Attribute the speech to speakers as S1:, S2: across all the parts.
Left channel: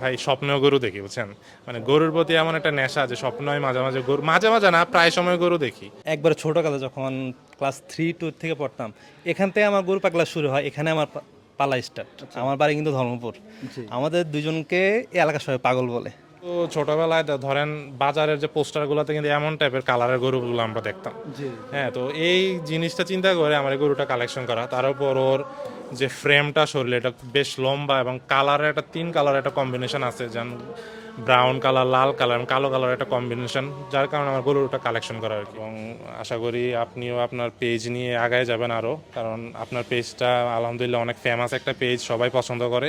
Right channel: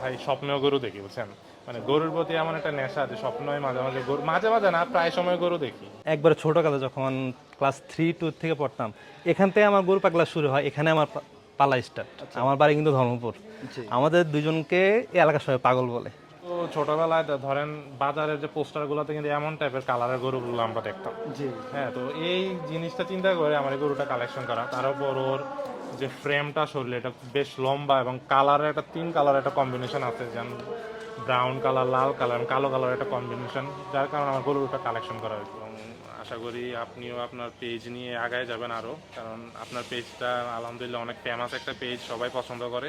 S1: ভাই স্বপ্ন গরু দেখি বুঝছেন? মানে গরুর প্রতি এমন একটা নেশা যে স্বপ্নয় মাঝে মাঝে গরু মাঝে মাঝে না প্রায় সময় গরু দেখি।
S2: একবারে ছোটোকালে যখন ক্লাস থ্রি টু থেকে পড়তাম এখান থেকে আমার গরু পাগলা শুরু হয় এখানে আমার পালা স্টার্ট আমার বাড়ি কিন্তু ধর্মপুর। আমাদের দুজনকে এই এলাকার সবাই পাগল বলে।
S1: তো ছোটবেলায় তো ধরেন বাজারের যে পোস্টারগুলোতে কিন্তু এমন টাইপের কালারের গরুগুলো আমরা দেখতাম। হ্যাঁ তো এই জিনিসটা চিন্তা করে আমার গরুটা কালেকশন করা। তার উপর ওর যে ফ্রেমটা শরীরে এটা বেশ লম্বা এবং কালারের একটা তিন কালার একটা কম্বিনেশন আছে যেন ব্রাউন কালার লাল কালার এবং কালো কালার একটা কম্বিনেশন যার কারণে আমার গরুটা কালেকশন করা কি এবং আশা করি আপনিও আপনার পেজ নিয়ে আগায় যাবেন আরও কারণ আপনার পেজটা আলহামদুলিল্লাহ অনেক ফেমাস একটা পেজ সবাই পছন্দ করে।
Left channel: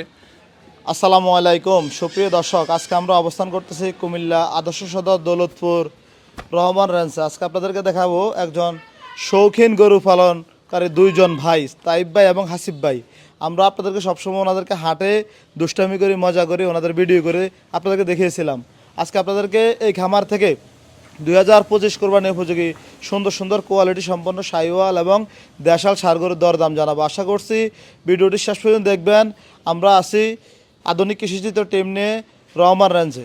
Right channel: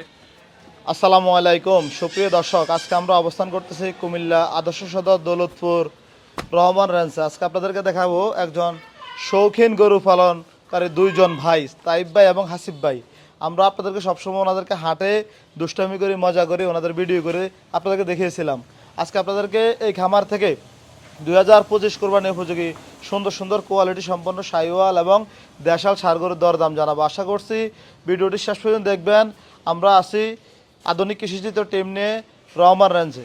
S3: আসসালামু আলাইকুম। সুপ্রিয় দর্শক আজকে আমরা অবস্থান করতেছি কুমিল্লা আদর্শ সদর দৌলতপুর রহমান রেঞ্জে আজকে আপনাদেরকে দেখাবো একজন শৌখিন গরু পালনকারী দুইজন ভাই, তাইব ভাই এবং হাসিব ভাই। আমরা আপনাদেরকে সবসময় ওনাদেরকে হাটে দুষ্টামি করি, মজা করি, ওনাদের ভিডিও করে আপনাদেরকে দেখিয়েছিলাম। আজকে আপনাদেরকে এই খামার থেকে দুই হাজার পঁচিশ কোরবানি উপযোগী সুন্দর সুন্দর কোয়ালিটি সম্পন্ন সাইওয়াল এবং দেশাল সারগরের দরদাম জানাব। আশা করছি ভিডিওটি শেষ পর্যন্ত দেখবেন। আমরা আছি আধুনিক কৃষিচিত টিম নিয়ে রহমান রেঞ্জে।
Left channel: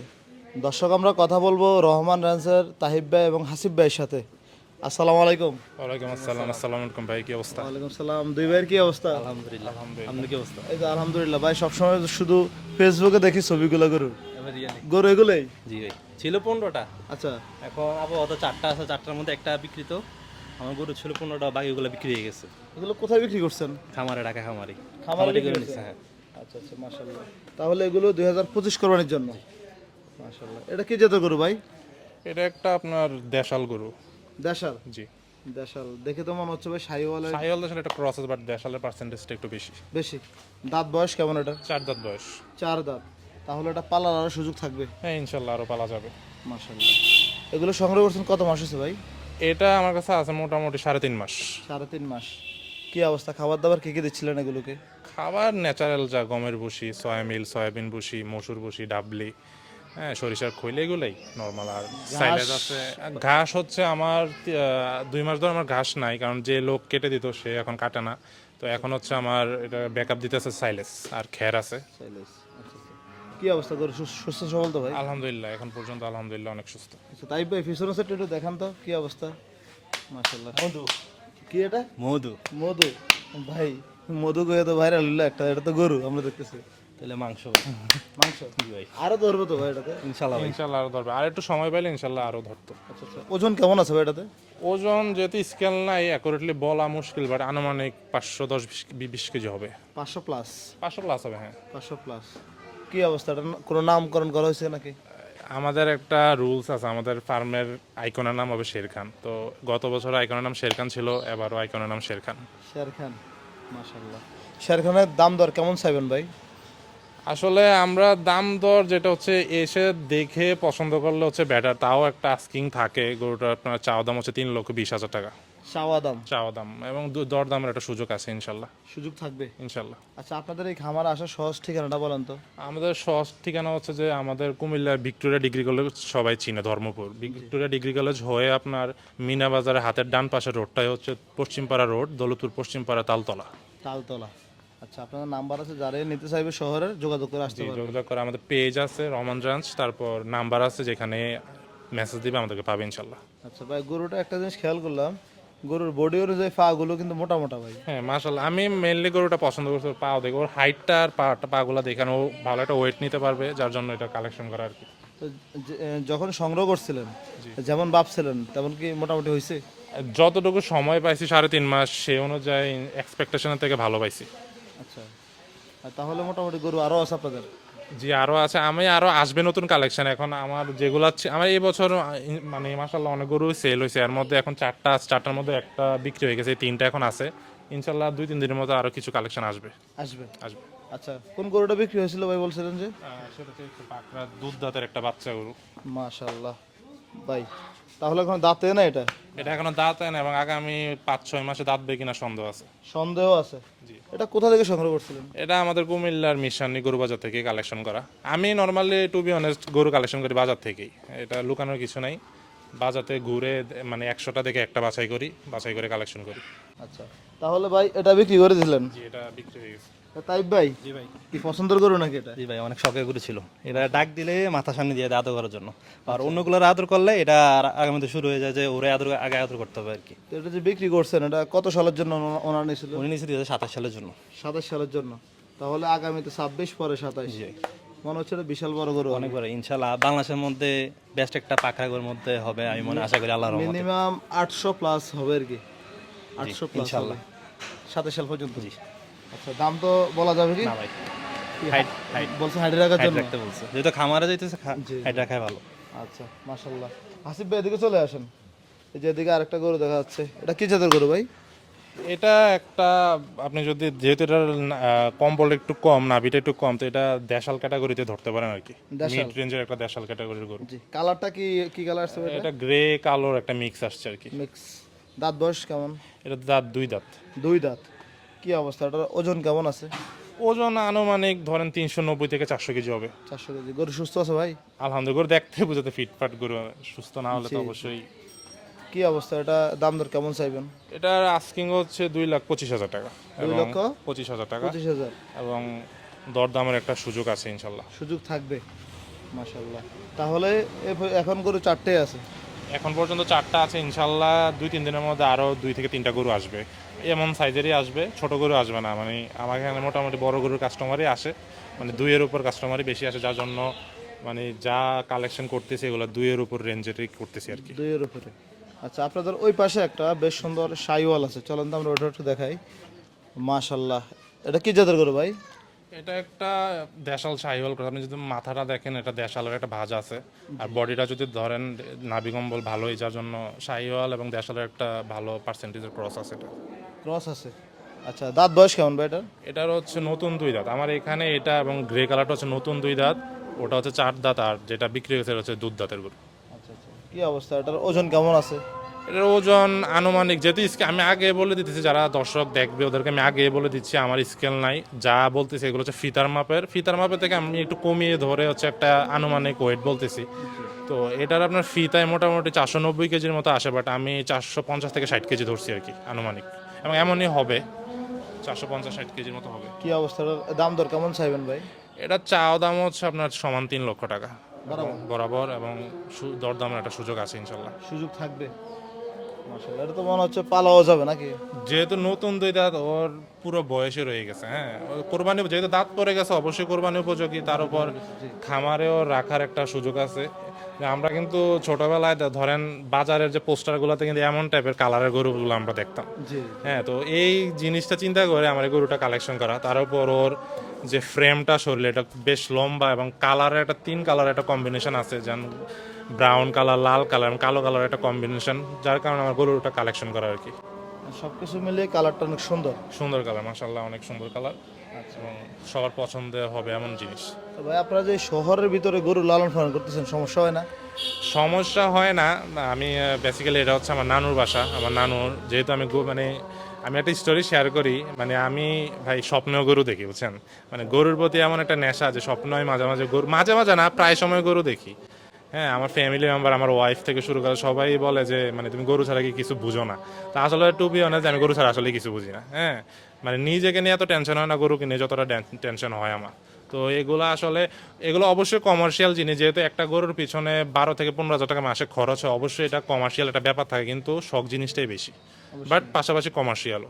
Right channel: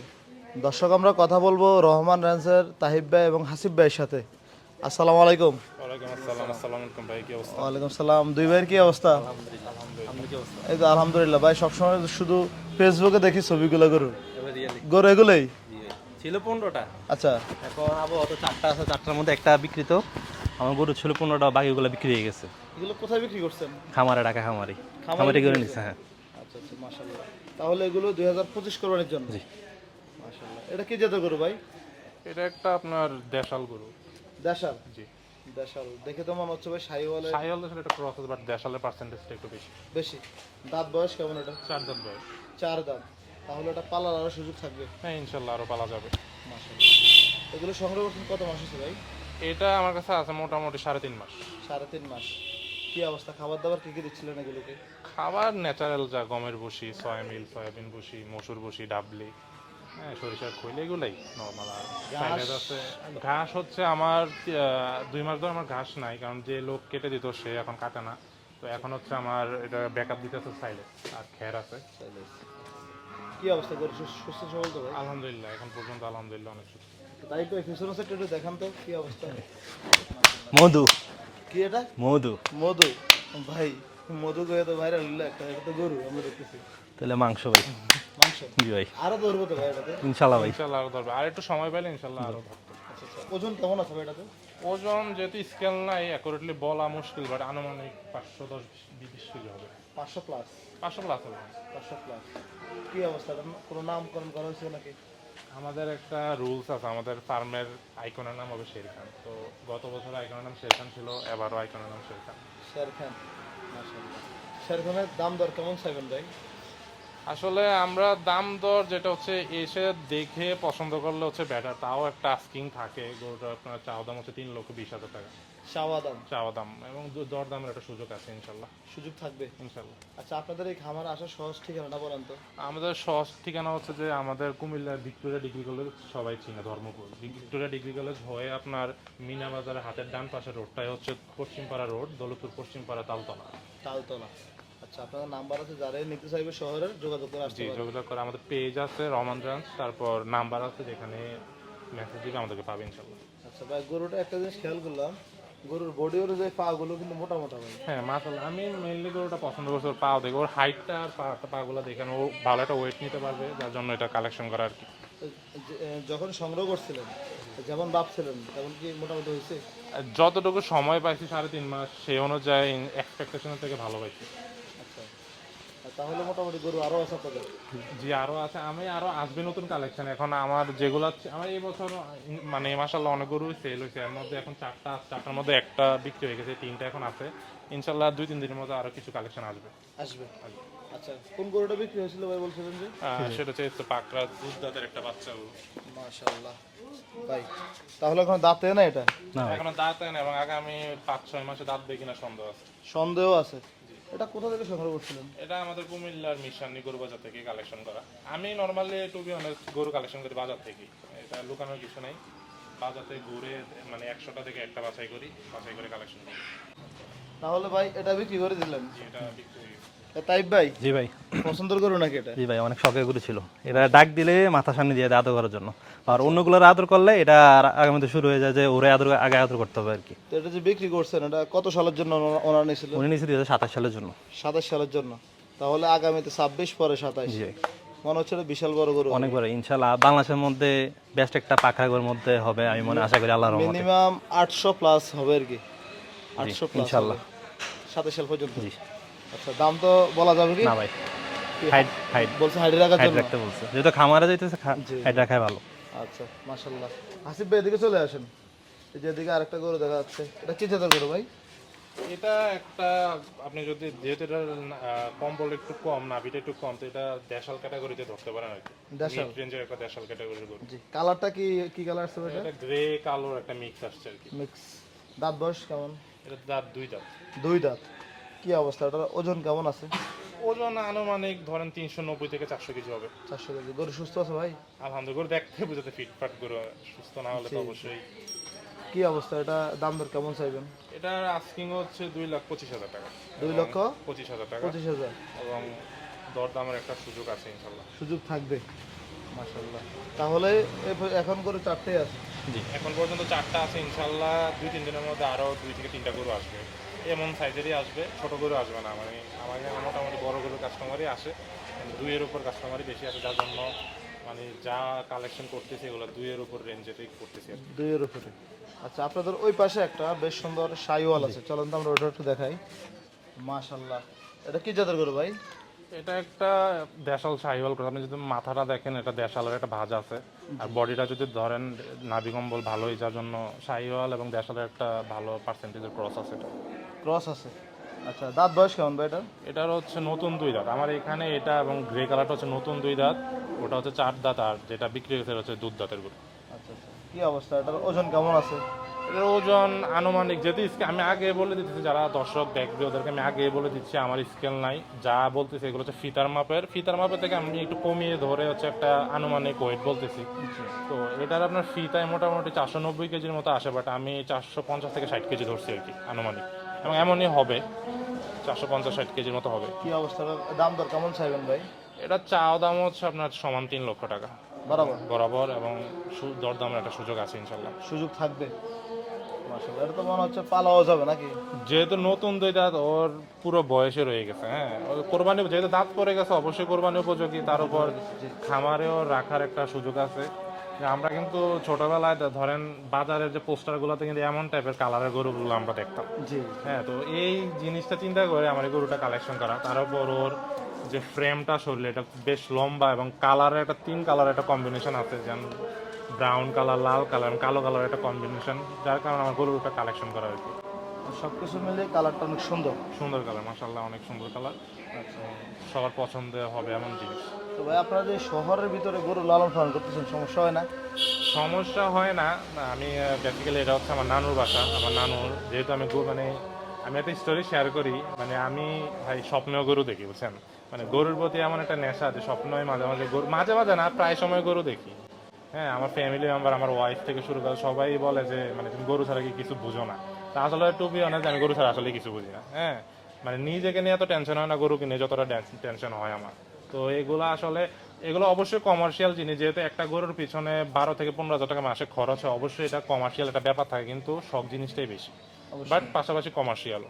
S3: দর্শক, আমরা কথা বলব রহমান রেঞ্জের তাহিব ভাই এবং হাসিব ভাইয়ের সাথে। আসসালামু আলাইকুম।
S1: ওয়ালাইকুম আসসালাম আসসালামু আলাইকুম ভাই কি অবস্থা?
S3: ওয়ালাইকুম সালাম। দুই ভাইয়ের কি অবস্থা? এই যে আলহামদুলিল্লাহ ভাই সবসময় শুধু ফেসবুকে দেখি ছবিগুলো গরু গরু এগুলোই?
S2: জি ভাই ছিল পনেরোটা।
S3: আচ্ছা।
S2: এখন আবহাওয়া তো চারটা আছে চারটার মধ্যে একটা বিক্রিত। আমার গরু ছিল পনেরোটা বাকিগুলো বিক্রি হয়ে গেছে।
S3: এগুলো কোথায় বিক্রি করছেন?
S2: খামারে ডাকা খামারি। খামারি করে নিচ্ছে হ্যাঁ।
S3: আচ্ছা আচ্ছা মাশাআল্লাহ। তাহলে এগুলো দুই হাজার পঁচিশ কোরবানির জন্য? মাশাআল্লাহ। এটা কি যেতে করো ভাই?
S1: এটা একটা আপনার দেশাল গরু।
S3: দেশাল?
S1: জি।
S3: দেশাল। দেখে তো মনে হচ্ছে ভাই সাইওয়ালের
S1: সাইওয়াল দেশাল একটা ক্রস বাট দেশালের পার্সেন্টেজটা একটু বেশি।
S3: বেশি। দাঁত বয়স কেমন এটা?
S1: চার দাঁত বয়স।
S3: চার দাঁত। তাহলে এটা পালার আরও সুযোগ থাকবে।
S1: হ্যাঁ ইনশাল্লাহ আরও পালা যাবে।
S3: মাশাআল্লাহ। এগুলো সংগ্রহ করছেন কত মাস হচ্ছে ভাই?
S1: এটা আমার কাছে আছে মোটামুটি সাড়ে তিন মাস।
S3: সাড়ে তিন মাস। কি অবস্থা? খাবার দাবার কি কি দিচ্ছিলেন এগুলোকে?
S1: খাবার ন্যাচারাল যা গমের ভুসি সয়ামিল সয়াবিন ভুসি মসুর ভুসি ডাবলি। হ্যাঁ সরিষার খৈল এগুলোই নর্মাল আর সাইলেজ আছে। ঘাস হচ্ছে আমার দুই মাস ধরে আমার ঘাস নাই কারণ যে লোক কেটে দিত সে এখন কাটে না। তো এখন হচ্ছে আমার এটা ব্যাকআপ দিতেছে সাইলেস আর খ্যার আছে।
S3: কি অবস্থা? করে সুস্থ সবল তো ভাই?
S1: আলহামদুলিল্লাহ এখন পর্যন্ত আলহামদুলিল্লাহ অনেক সুস্থ।
S3: আচ্ছা তাই ভাই ফিসর সেট একটু দেখান তো কি অবস্থা?
S2: মধু।
S3: কি এটা?
S2: মধু।
S3: মধু? ভাই মধু গয়ে তো ভাইরাল হলো একটা এটা তো গরু আমরা দেখতেছি।
S2: তাহলে মাংস ভাই।
S3: মাংস?
S2: জি ভাই।
S3: আরও ধরবো তো ভাই এটাতে?
S2: ইনশাল্লাহ ভাই।
S1: ইনশাল্লাহ আরও ধরবে। আর একটু সময় পাইলে ইনশাল্লাহ আরও ধরতো।
S3: আচ্ছা আচ্ছা। ওজন কেমন আছে ভাই এটাতে?
S1: ওজন যেহেতু স্কেল নাই অ্যাকুরেটলি বলা মুশকিল বাট আনুমানিক পাঁচশো দশ বিশ- বিশ কেজি হবে।
S3: পাঁচশো প্লাস
S1: পাঁচশো প্লাস হবে হ্যাঁ।
S3: পাঁচশো প্লাস কি অবস্থা? এটা কোনো নামকরণ করা হয়েছে নাকি?
S1: আমাদের একটা রুলস আছে আমাদের ফার্মের আইকনের নাম হবে শের খান তো গত বছর আইকনের নাম শের খান ছিল এবারও আইকনের নাম শের খান
S3: শের খান মাশাআল্লাহ। শের খানের দাম দর কেমন চাইবেন ভাই?
S1: আসলে আমরা দাম দর যেটা হচ্ছে এসে দেখে পছন্দ করলে হচ্ছে ব্যাটার তাও একটা আস্কিং থাকে গরুটার আপনার চাওয়া দাম হচ্ছে তিন লক্ষ বিশ হাজার টাকা।
S3: চাওয়া দাম?
S1: চাওয়া দাম এবং দর দামের একটা সুযোগ আছে ইনশাল্লাহ।
S3: সুযোগ থাকবে?
S1: ইনশাল্লাহ।
S3: আচ্ছা আপনাদের এই খামার আসার সহজ ঠিকানাটা বলেন তো।
S1: আমাদের সহজ ঠিকানা হচ্ছে যে আমাদের কুমিল্লা ভিক্টোরিয়া ডিগ্রি কলেজ সবাই চিনে ধর্মপুর। ভিক্টোরিয়া ডিগ্রি কলেজ হয়ে আপনার মিনা বাজারের হাতের ডান পাশের রোডটাই হচ্ছে পশ্চিমপাড়া রোড দৌলতপুর পশ্চিমপাড়া তালতলা।
S3: তালতলা। আচ্ছা আপনাদের নাম্বার আছে যারাই নিতে চাইবে শহরের যোগাযোগ করে আসতে পারবে।
S1: যোগাযোগ করে আমাদের পেজ আছে রহমান ব্রাঞ্চ তারপর নাম্বার আছে যেখানে মেসেজ দিবে আমাদেরকে পাবে ইনশাল্লাহ
S3: আচ্ছা ভাই গরুটা একটা জিনিস খেয়াল করলাম গরুর বডি অনুযায়ী পা গুলো কিন্তু মোটা মোটা ভাই।
S1: হ্যাঁ মাশাল্লাহ আমি মেনলি গরুটা পছন্দ করছি পা দেখে ওর হাইটটা আর পাটা পাগুলো দেখানো ভালো একটা ওয়েট নিতে পারবে যার জন্য এটা কালেকশন করা আর কি।
S3: যখন সংগ্রহ করছিলেন যেমন ভাবছিলেন তেমন কি মোটামুটি হয়েছে?
S1: যতটুকু সময় পাইছি সাড়ে তিন মাস সেই অনুযায়ী এক্সপেকটেশনের থেকে ভালো পাইছি।
S3: আচ্ছা। তাহলে মোটামুটি গরু আরও আছে আপনাদের?
S1: জি আরও আছে। আমি আরও আসবে নতুন কালেকশন এখন আমার যেগুলো আছে আমার এই বছর মানে মাসাল্লাহ অনেক গরু সেল হয়েছে। এর মধ্যে এখন চারটা চারটার মধ্যে একটা বিক্রি হয়ে গেছে তিনটা এখন আছে। ইনশাল্লাহ দুই তিন দিনের মধ্যে আরও কিছু কালেকশন আসবে।
S3: আসবে?
S1: আসবে।
S3: আচ্ছা কোন গরুটা বিক্রি হয়েছিল ভাই বলছিলেন যে?
S1: সেটা হচ্ছে পাকড়া দুধ দাঁতের একটা বাচ্চা গরু।
S3: মাশাআল্লাহ। ভাই তাহলে এখন দাঁতে না এটা?
S1: এটা এখনও দাঁত না এবং আগামী পাঁচ ছয় মাসে দাঁত কিনা সন্দেহ আছে।
S3: সন্দেহ আছে? এটা কোথা থেকে সংগ্রহ করছিলেন?
S1: এটা আমাদের কুমিল্লার মিশানি গরু বাজার থেকে কালেকশন করা। আমি নর্মালি টু বি অনেস্ট গরু কালেকশন করি বাজার থেকেই। এটা লুকানোর কিছু নাই। বাজাতে ঘুরে মানে একশোটা থেকে একটা বাছাই করি বাছাই করে কালেকশন করি।
S3: আচ্ছা। তাহলে ভাই এটা বিক্রি করে দিলেন?
S1: জি এটা বিক্রি হয়ে গেছে
S3: তাই ভাই?
S2: জি ভাই।
S3: পছন্দের গরু নাকি এটা?
S2: জি ভাই অনেক শখের গরু ছিল। এটা ডাক দিলে মাথা সামনে দিয়ে আদর করার জন্য। আর অন্যগুলোর আদর করলে এটা আগামীতে শুরু হয়ে যায় যে ওরে আদর আগে আদর করতে হবে আর কি।
S3: তো এটা যে বিক্রি করছেন এটা কত সালের জন্য ওনা- ওনার নিয়েছিল?
S2: উনি নিচে দিয়ে সাতাশ সালের জন্য।
S3: সাতাশ সালের জন্য। তাহলে আগামীতে ছাব্বিশ পরে সাতাশ।
S2: জি
S3: মনে হচ্ছে বিশাল বড় গরু।
S2: অনেক বড় ইনশাল্লাহ। বাংলাদেশের মধ্যে বেস্ট একটা পাখা গরুর মধ্যে হবে আমি মনে আশা করি আল্লাহর রহমতে।
S3: মিনিমাম আটশো প্লাস হবে আর কি। আটশো প্লাস
S2: ইনশাল্লাহ।
S3: সাতাশ সাল পর্যন্ত। আচ্ছা দাম তো বলা যাবে কি?
S2: না ভাই হাইট হাইট।
S3: বলছে হাইডি রাখার জন্য?
S2: রাখতে বলছে। যেহেতু খামারে যাইতেছে হাইট রাখাই ভালো।
S3: আচ্ছা মাশাল্লাহ হাসিব ভাই এদিকে চলে আসেন। এই যে এদিকে আরেকটা গরু দেখা যাচ্ছে। এটা কি জাতের গরু ভাই?
S1: এটা একটা আপনি যদি যেহেতু এটার কম্বল একটু কম নাভিটা একটু কম তো এটা দেশাল ক্যাটাগরিতে ধরতে পারেন আর কি? মিড রেঞ্জের একটা দেশাল ক্যাটাগরির গরু।
S3: জি কালারটা কি কি কালার আসছে ভাই
S1: এটা গ্রে কালোর একটা মিক্স আসছে আর কি।
S3: মিক্স। দাঁত বয়স কেমন?
S1: এটা দাঁত দুই দাঁত।
S3: দুই দাঁত। কি অবস্থা? এটার ওজন কেমন আছে?
S1: ওজন আনুমানিক ধরেন তিনশো নব্বই থেকে চারশো কেজি হবে।
S3: চারশো কেজি। গরু সুস্থ আছে ভাই?
S1: আলহামদুলিল্লাহ গরু দেখতে বুঝাতে ফিটফাট গরু সুস্থ না হলে তো অবশ্যই।
S3: কি অবস্থা? এটা দাম দর কেমন চাইবেন?
S1: এটার আস্কিং হচ্ছে দুই লাখ পঁচিশ হাজার টাকা।
S3: দুই লক্ষ?
S1: পঁচিশ হাজার টাকা।
S3: পঁচিশ হাজার।
S1: এবং দরদামের একটা সুযোগ আছে ইনশাল্লাহ।
S3: সুযোগ থাকবে। মাশাল্লাহ তাহলে এখন গরু চারটে আছে।
S1: জি এখন পর্যন্ত চারটা আছে ইনশাল্লাহ দুই তিন দিনের মধ্যে আরও দুই থেকে তিনটা গরু আসবে। এমন সাইজেরই আসবে ছোট গরু আসবে না। মানে আমার এখানে মোটামুটি বড় গরুর কাস্টমারই আসে। মানে দুইয়ের উপর কাস্টমারই বেশি আসে যার জন্য মানে যা কালেকশন করতেছি এগুলো দুইয়ের উপর রেঞ্জেরই করতেছি আর কি।
S3: দুইয়ের উপরে। আচ্ছা আপনাদের ওই পাশে একটা বেশ সুন্দর সাইওয়াল আছে। চলেন তো আমরা ওটা একটু দেখাই। মাশাল্লাহ এটা কি জাতের গরু ভাই?
S1: এটা একটা দেশাল শাহিওয়াল করে। আপনি যদি মাথাটা দেখেন এটা দেশালের একটা ভাজ আছে। আর বডিটা যদি ধরেন নাবিকম্বল ভালোই যার জন্য শাহিওয়াল এবং দেশালের একটা ভালো পার্সেন্টেজের ক্রস আছে এটা।
S3: ক্রস আছে? আচ্ছা দাঁত বয়স কেমন ভাই এটা
S1: এটার হচ্ছে নতুন দুই দাঁত। আমার এখানে এটা এবং গ্রে কালারটা হচ্ছে নতুন দুই দাঁত। ওটা হচ্ছে চার দাঁত আর যেটা বিক্রি হয়েছে হচ্ছে দুধ দাঁতের গরু
S3: আচ্ছা আচ্ছা। কি অবস্থা? এটার ওজন কেমন আছে?
S1: এটার ওজন আনুমানিক যেহেতু স্কে- আমি আগে বলে দিতেছি যারা দর্শক দেখবে ওদেরকে আমি আগে বলে দিচ্ছি আমার স্কেল নাই। যা বলতেছি এগুলো হচ্ছে ফিতার মাপের। ফিতার মাপের থেকে আমি একটু কমিয়ে ধরে হচ্ছে একটা আনুমানিক ওয়েট বলতেছি। তো এটার আপনার ফিতায় মোটামুটি চারশো নব্বই কেজির মতো আসে বাট আমি চারশো পঞ্চাশ থেকে ষাট কেজি ধরছি আর কি আনুমানিক। এবং এমনই হবে চারশো পঞ্চাশ ষাট কেজির মতো হবে।
S3: কি অবস্থা? দাম দর কেমন চাইবেন ভাই?
S1: এটা চাওয়া দাম হচ্ছে আপনার সমান তিন লক্ষ টাকা।
S3: বরাবর?
S1: বরাবর এবং দরদামের একটা সুযোগ আছে ইনশাল্লাহ।
S3: সুযোগ থাকবে। মাশাল্লাহ এটা তো মনে হচ্ছে পালাও যাবে নাকি?
S1: যেহেতু নতুন দুই দাঁত ওর পুরো বয়সে রয়ে গেছে হ্যাঁ। কোরবানি যেহেতু দাঁত পড়ে গেছে অবশ্যই কোরবানি উপযোগী তার উপর খামারেও রাখার একটা সুযোগ আছে। আমরা কিন্তু ছোটবেলায় ধরেন বাজারের যে পোস্টারগুলোতে কিন্তু এমন টাইপের কালারের গরুগুলো আমরা দেখতাম। হ্যাঁ তো এই জিনিসটা চিন্তা করে আমার গরুটা কালেকশন করা। তার উপর ওর যে ফ্রেমটা শরীরে এটা বেশ লম্বা এবং কালারের একটা তিন কালার একটা কম্বিনেশন আছে। যেন ব্রাউন কালার লাল কালার কালো কালার একটা কম্বিনেশন যার কারণে আমার গরুটা কালেকশন করা আর কি।
S3: সব কিছু মিলিয়ে কালারটা অনেক সুন্দর।
S1: সুন্দর কালার মাসাল্লাহ অনেক সুন্দর কালার
S3: আচ্ছা।
S1: সবার পছন্দের হবে এমন জিনিস।
S3: তো ভাই আপনারা যে শহরের ভিতরে গরু লালন পালন করতেছেন সমস্যা হয় না?
S1: সমস্যা হয় না। আমি বেসিক্যালি এটা হচ্ছে আমার নানুর বাসা। আমার নানুর যেহেতু আমি গো- মানে আমি একটা স্টোরি শেয়ার করি মানে আমি ভাই স্বপ্নেও গরু দেখি বুঝছেন? মানে গরুর প্রতি এমন একটা নেশা যে স্বপ্নই মাঝে মাঝে গরু মাঝে মাঝে না প্রায় সময় গরু দেখি। হ্যাঁ আমার ফ্যামিলি মেম্বার আমার ওয়াইফ থেকে শুরু করে সবাই বলে যে মানে তুমি গরু ছাড়া কি কিছু বুঝো না? তা আসলে টু বি অনেস্ট আমি গরু ছাড়া আসলে কিছু বুঝি না হ্যাঁ। মানে নিজেকে নিয়ে এত টেনশন হয় না গরুকে নিয়ে যতটা টেনশন হয় আমার। তো এগুলো আসলে এগুলো অবশ্যই কমার্শিয়াল জিনিস যেহেতু একটা গরুর পিছনে বারো থেকে পনেরো হাজার টাকা মাসে খরচ হয় অবশ্যই এটা কমার্শিয়াল একটা ব্যাপার থাকে কিন্তু শখ জিনিসটাই বেশি। বাট পাশাপাশি কমার্শিয়ালও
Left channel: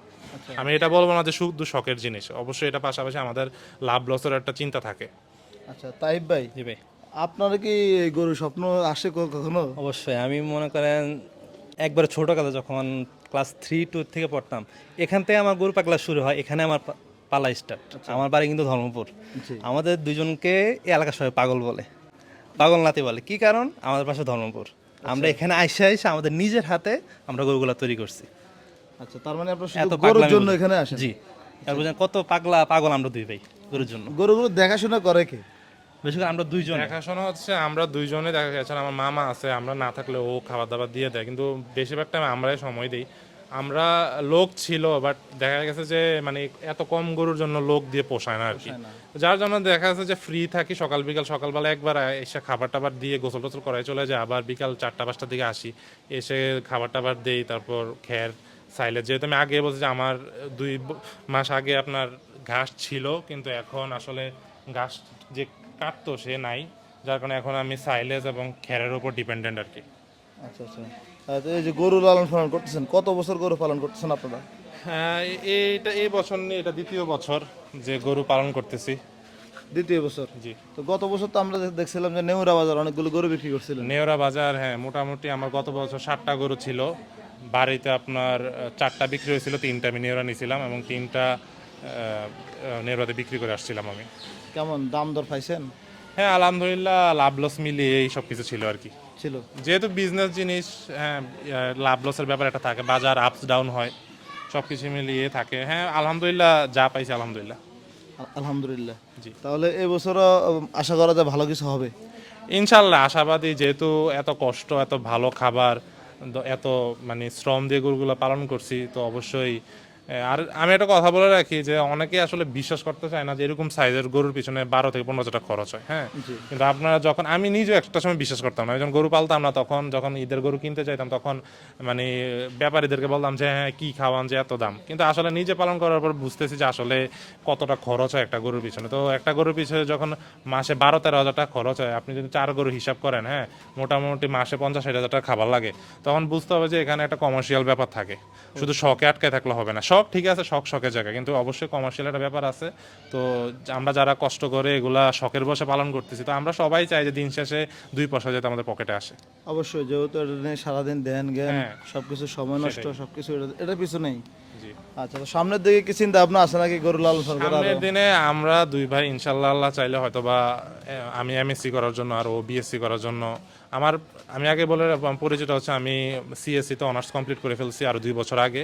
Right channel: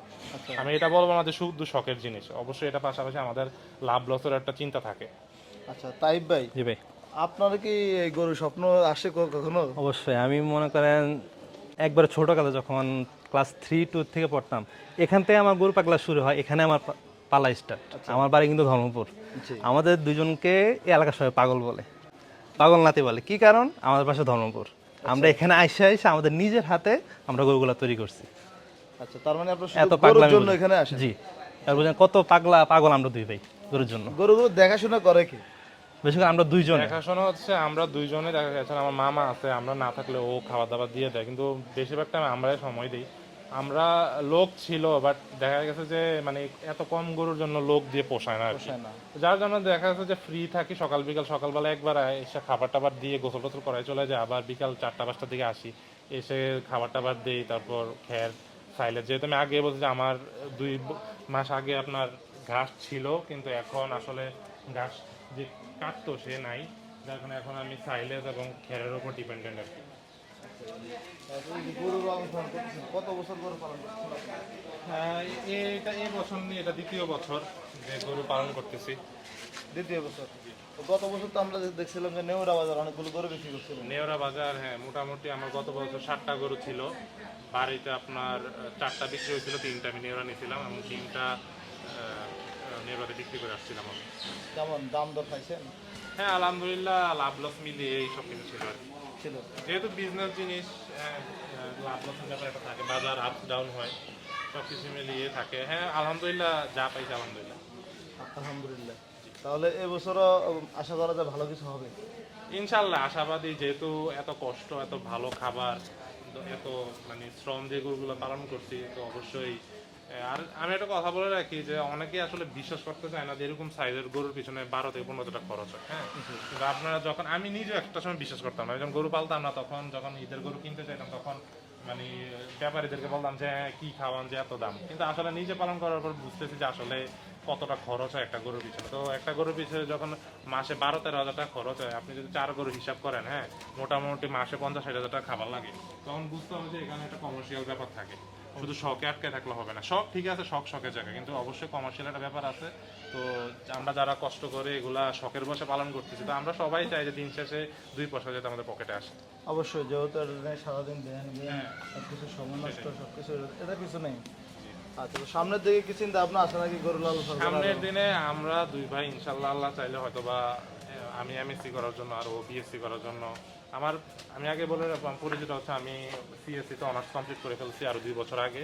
S1: আমি এটা বলব না যে শুধু শখের জিনিস অবশ্যই এটা পাশাপাশি আমাদের লাভ লসের একটা চিন্তা থাকে।
S3: আচ্ছা তাইব ভাই।
S2: ভাই।
S3: আপনারা কি এই গরু স্বপ্ন আসে কখনো?
S2: অবশ্যই আমি মনে করেন একবার ছোটোকালে যখন ক্লাস থ্রি টু থেকে পড়তাম এখান থেকে আমার গরু পাগলা শুরু হয় এখানে আমার পালা স্টার্ট আমার বাড়ি কিন্তু ধর্মপুর। আমাদের দুজনকে এই এলাকার সবাই পাগল বলে পাগল নাতি বলে। কি কারণ? আমাদের পাশে ধর্মপুর। আমরা এখানে আইসে আইসে আমাদের নিজের হাতে আমরা গরুগুলা তৈরি করছি।
S3: আচ্ছা তার মানে আপনার
S2: এত
S3: শুধু গরুর
S2: পাগলা
S3: জন্য এখানে আসেন?
S2: জি। তারপর কত পাগলা পাগল আমরা দুই ভাই গরুর জন্য।
S3: গরুগুলো দেখাশোনা করে কি?
S2: বেশি করে আমরা দুইজন।
S1: দেখাশোনা হচ্ছে আমরা দুইজনে দেখা গেছে আমার মামা আছে আমরা না থাকলে ও খাবার দাবার দিয়ে দেয় কিন্তু বেশিরভাগ টাইম আমরাই সময় দিই। আমরা লোক ছিল বাট দেখা গেছে যে মানে এত কম গরুর জন্য লোক দিয়ে পোষায় না আর কি। যার জন্য দেখা যাচ্ছে যে ফ্রি থাকি সকাল বিকাল সকালবেলা একবার এসে খাবার টাবার দিয়ে গোসল টোসল করাই চলে যায় আবার বিকাল চারটা পাঁচটার দিকে আসি এসে খাবার টাবার দেই তারপর খের সাইলে যেহেতু আমি আগে বলছি যে আমার দুই মাস আগে আপনার ঘাস ছিল কিন্তু এখন আসলে ঘাস যে কাটতো সে নাই। যার কারণে এখন আমি সাইলেজ এবং খেরের উপর ডিপেন্ডেন্ট আর কি।
S3: আচ্ছা আচ্ছা। এই যে গরু লালন পালন করতেছেন কত বছর গরু পালন করতেছেন আপনারা?
S1: হ্যাঁ এইটা এই বছর নিয়ে এটা দ্বিতীয় বছর যে গরু পালন করতেছি।
S3: দ্বিতীয় বছর?
S1: জি।
S3: তো গত বছর তো আমরা দেখছিলাম যে নেওরা বাজার অনেকগুলো গরু বিক্রি করছিলেন।
S1: নেওরা বাজার হ্যাঁ মোটামুটি আমার গত বছর ষাটটা গরু ছিল। বাড়িতে আপনার চারটা বিক্রি হয়েছিল তিনটা আমি নেওরা নিয়েছিলাম এবং তিনটা নেওরাতে বিক্রি করে আসছিলাম আমি।
S3: কেমন দাম দর পাইছেন?
S1: হ্যাঁ আলহামদুলিল্লাহ লাভ লস মিলিয়ে এই সব কিছু ছিল আর কি।
S3: ছিল।
S1: যেহেতু বিজনেস জিনিস হ্যাঁ লাভ লসের ব্যাপার একটা থাকে বাজার আপস ডাউন হয় সব কিছু মিলিয়ে থাকে। হ্যাঁ আলহামদুলিল্লাহ যা পাইছি আলহামদুলিল্লাহ।
S3: আলহামদুলিল্লাহ।
S1: জি।
S3: তাহলে এবছরও আশা করা যায় ভালো কিছু হবে?
S1: ইনশাল্লাহ আশাবাদী যেহেতু এত কষ্ট এত ভালো খাবার এত মানে শ্রম দিয়ে গরুগুলো পালন করছি তো অবশ্যই আর আমি একটা কথা বলে রাখি যে অনেকে আসলে বিশ্বাস করতে চায় না যে এরকম সাইজের গরুর পিছনে বারো থেকে পনেরো হাজার টাকা খরচ হয় হ্যাঁ? কিন্তু আপনারা যখন আমি নিজেও একটা সময় বিশ্বাস করতাম না যখন গরু পালতাম না তখন যখন ঈদের গরু কিনতে চাইতাম তখন মানে ব্যাপারীদেরকে বলতাম যে হ্যাঁ কি খাওয়ান যে এত দাম? কিন্তু আসলে নিজে পালন করার পর বুঝতেছি যে আসলে কতটা খরচ হয় একটা গরুর পিছনে। তো একটা গরুর পিছনে যখন মাসে বারো তেরো হাজার টাকা খরচ হয় আপনি যদি চার গরু হিসাব করেন হ্যাঁ মোটামুটি মাসে পঞ্চাশ ষাট হাজার টাকা খাবার লাগে তখন বুঝতে হবে যে এখানে একটা কমার্শিয়াল ব্যাপার থাকে। শুধু শখে আটকে থাকলে হবে না শখ ঠিক আছে শখ শখের জায়গা। কিন্তু অবশ্যই কমার্শিয়াল একটা ব্যাপার আছে। তো আমরা যারা কষ্ট করে এগুলা শখের বসে পালন করতেছি তো আমরা সবাই চাই যে দিন শেষে দুই পয়সা যাতে আমাদের পকেটে আসে।
S3: অবশ্যই যেহেতু এটা নিয়ে সারাদিন দেন জ্ঞান
S1: হ্যাঁ।
S3: সবকিছু সময় নষ্ট সবকিছু এটা- এটার পিছু নেই। আচ্ছা সামনের দিকে কি চিন্তা ভাবনা আছে নাকি গরু লালন পালন
S1: সামনের দিনে আমরা দুই ভাই ইনশাল্লাহ আল্লাহ চাইলে হয়তো বা আমি এমএসসি করার জন্য আর ও বিএসসি করার জন্য আমার আমি আগে বলে পরিচিত হচ্ছে আমি সিএসসি তে অনার্স কমপ্লিট করে ফেলছি আর দুই বছর আগে।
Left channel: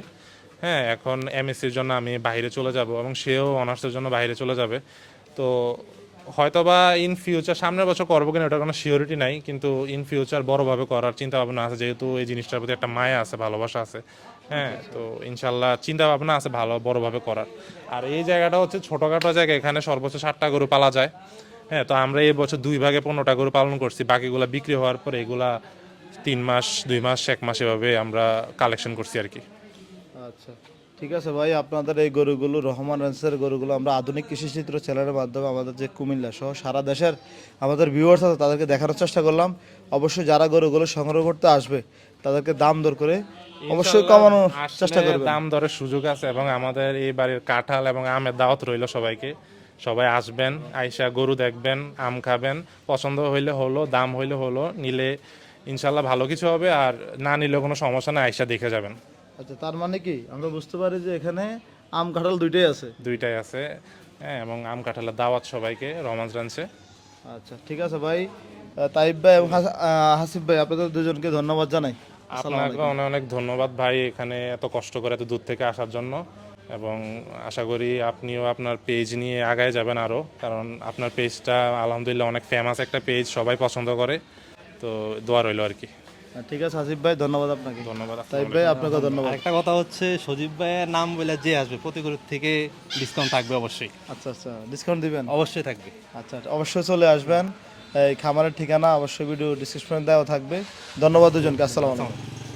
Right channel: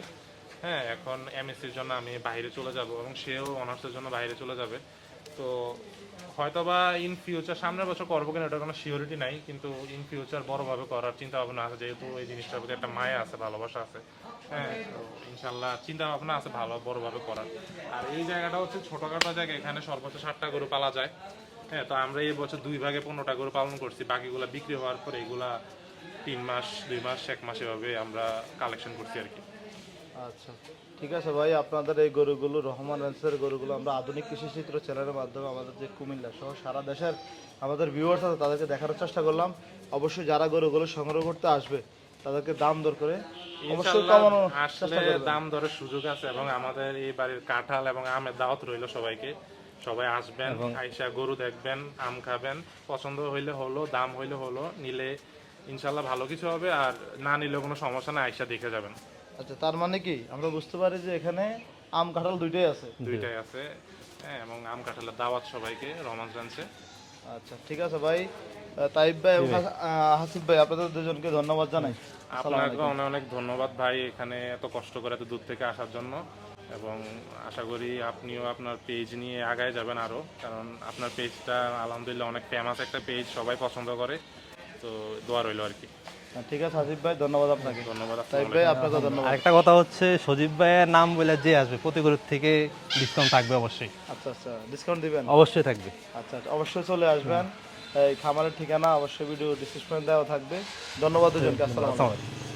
S1: হ্যাঁ এখন এমএসসির জন্য আমি বাইরে চলে যাব এবং সেও অনার্সের জন্য বাইরে চলে যাবে। তো হয়তোবা ইন ফিউচার সামনের বছর করব কিনা ওটার কোনো সিওরিটি নাই, কিন্তু ইন ফিউচার বড়ভাবে করার চিন্তা ভাবনা আছে, যেহেতু এই জিনিসটার প্রতি একটা মায়া আছে, ভালোবাসা আছে। হ্যাঁ তো ইনশাল্লাহ চিন্তা ভাবনা আছে ভালো, বড়ভাবে করার। আর এই জায়গাটা হচ্ছে ছোটোখাটো জায়গা, এখানে সর্বোচ্চ ষাটটা গরু পালা যায়। হ্যাঁ তো আমরা এই বছর দুই ভাগে পনেরোটা গরু পালন করছি, বাকিগুলো বিক্রি হওয়ার পর এগুলা তিন মাস, দুই মাস, এক মাস এভাবে আমরা কালেকশন করছি আর কি।
S3: আচ্ছা। ঠিক আছে ভাই আপনাদের এই গরুগুলো রহমান রেন্সের গরুগুলো আমরা আধুনিক কৃষি চিত্র চ্যানেলের মাধ্যমে আমাদের যে কুমিল্লা সহ সারা দেশের আমাদের ভিউয়ার্স আছে তাদেরকে দেখানোর চেষ্টা করলাম। অবশ্যই যারা গরুগুলো সংগ্রহ করতে আসবে তাদেরকে দাম দর করে অবশ্যই কমানোর চেষ্টা করবে।
S1: দাম দরের সুযোগ আছে এবং আমাদের এই বাড়ির কাঁঠাল এবং আমের দাওয়াত রইল সবাইকে। সবাই আসবেন আইসা গরু দেখবেন আম খাবেন পছন্দ হইলে হলো দাম হইলে হলো নিলে ইনশাল্লাহ ভালো কিছু হবে আর না নিলে কোনো সমস্যা না আইসা দেখে যাবেন।
S3: আচ্ছা তার মানে কি? আমরা বুঝতে পারি যে এখানে আম কাঁঠাল দুইটাই আছে।
S1: দুইটাই আছে হ্যাঁ এবং আম কাঁঠালের দাওয়াত সবাইকে রোমান্স রানছে
S3: আচ্ছা ঠিক আছে ভাই। তাইব ভাই এবং হাস- হাসিফ ভাই আপনাদের দুজনকে ধন্যবাদ জানাই।
S1: আপনাকে অনেক অনেক ধন্যবাদ ভাই এখানে এত কষ্ট করে এত দূর থেকে আসার জন্য। এবং আশা করি আপনিও আপনার পেজ নিয়ে আগায় যাবেন আরও কারণ আপনার পেজটা আলহামদুলিল্লাহ অনেক ফেমাস একটা পেজ সবাই পছন্দ করে। তো দোয়া রইল আর কি।
S3: ঠিক আছে আসিফ ভাই ধন্যবাদ আপনাকে। ধন্যবাদ ভাই আপনাকে ধন্যবাদ।
S2: একটা কথা হচ্ছে সজীব ভাইয়ের নাম বলে যে আসবে প্রতি গরুর থেকে ডিসকাউন্ট থাকবে অবশ্যই।
S3: আচ্ছা আচ্ছা ডিসকাউন্ট দিবেন?
S2: অবশ্যই থাকবে।
S3: আচ্ছা আচ্ছা, অবশ্যই চলে আসবেন। এই খামারের ঠিকানা অবশ্যই ভিডিও ডিসক্রিপশনে দেওয়া থাকবে। ধন্যবাদ দুজনকে আসসালামু আলাইকুম।